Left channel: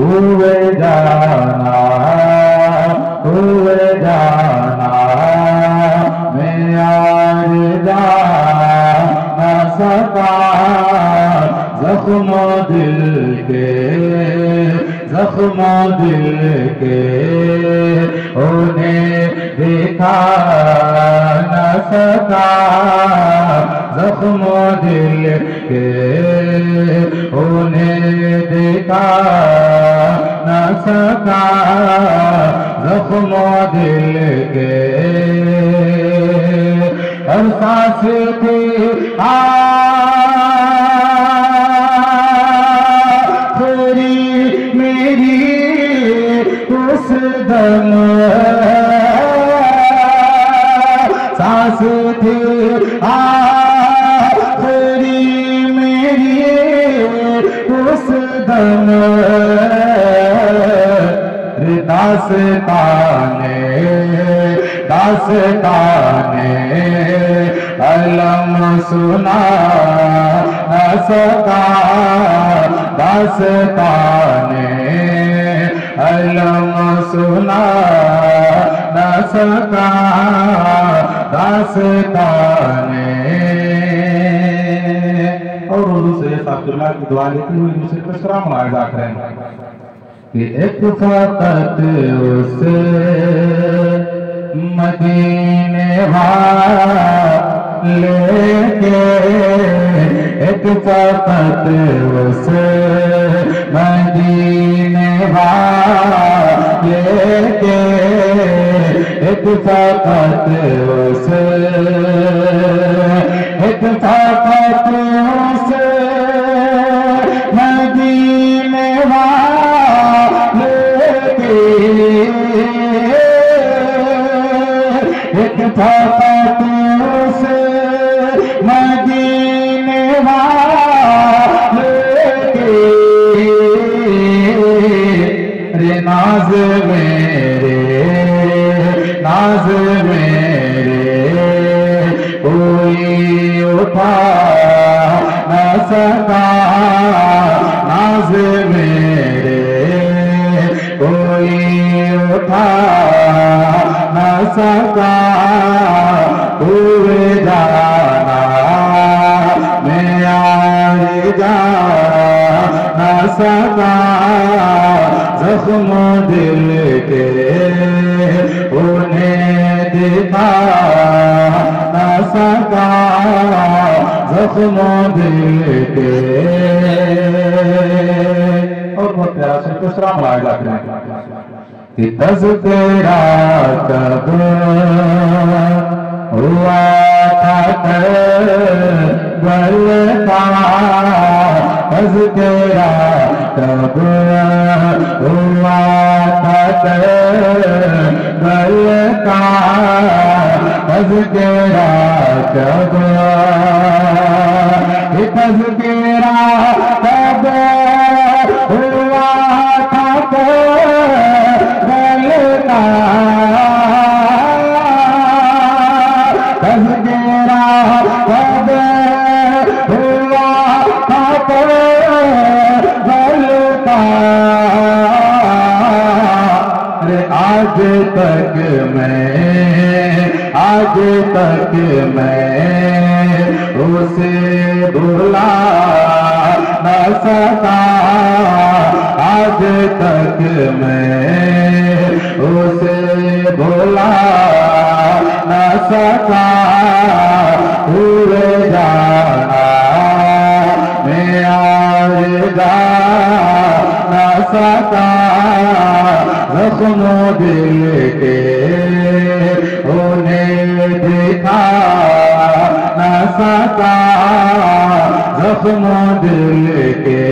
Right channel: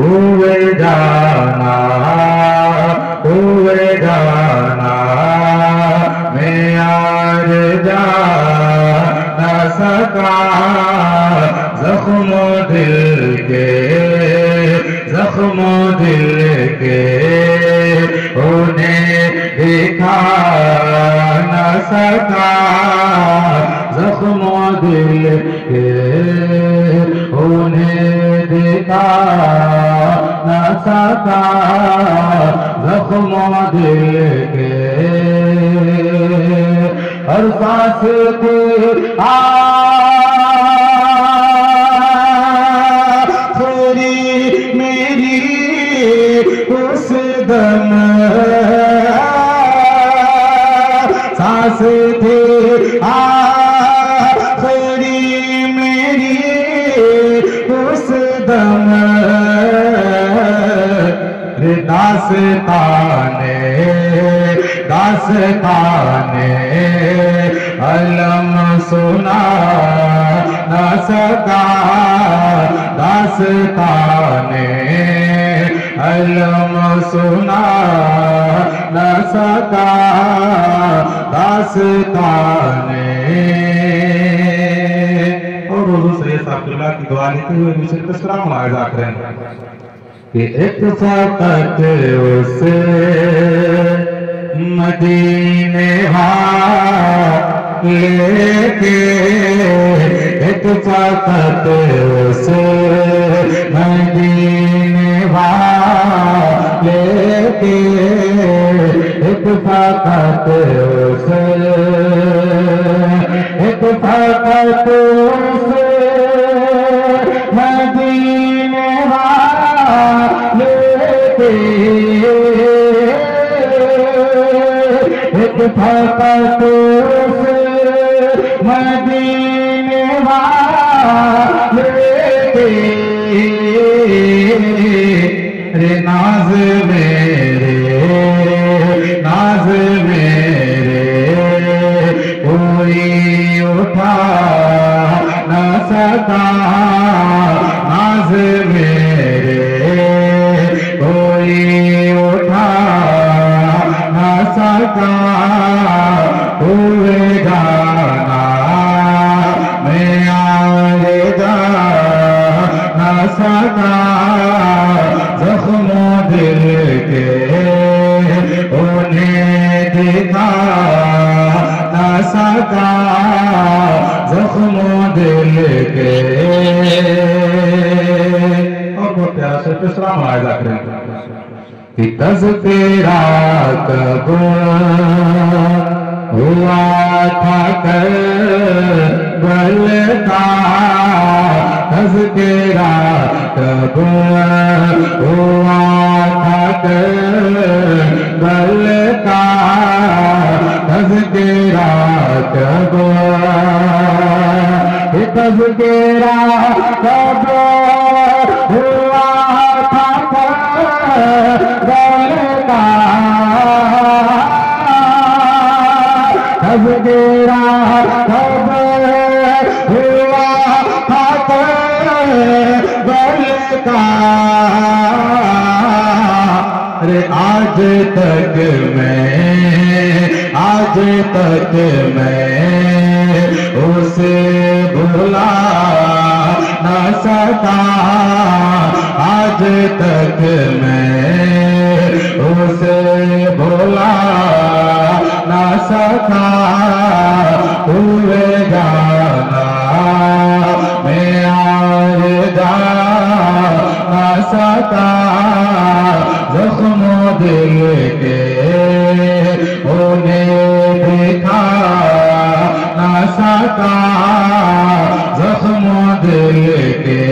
हुए जाना मैं यार जा न सका जख्मों दिल के उन्हें देखा न सका जख्मों दिल के उन्हें देखा न सका जख्मों दिल के और सांस थी आखिरी मेरी उस दम सांस थी आखिरी मेरी उस दम दास्ताने अलम सुना न सका दास्ताने अलम सुना न सका दास्ताने। और हुजूर सैयद अब्दुल्लाह की दुआ लेते हुए मुझे कुछ कराम आज़ा करें कि एक फकत उस मदीने लेके एक फकत उस मदीने लेके एक फकत उस एक फकत उस मदीने एक फकत उस मदीने लेके रे नाज मेरे कोई उठा न सका नाज मेरे कोई उठा न सका हुए जाना मैं यार जा न सका जख्मों दिल के उन्हें दिखा न सका जख्मों दिल के। और बहुत प्यार से तीसरा वायदा करें कि तज़किरा कब हुआ था करबल का तज़किरा कब हुआ था करबल का तज़किरा कब तज़किरा कब हुआ था करबल का तज़किरा कब हुआ था करबल का अरे आज तक मैं उसे भुला न सका आज तक मैं उसे भुला न सका हुए जाना मैं यार जा न सका जख्मों दिल के उन्हें दिखा न सका जख्मों दिल के।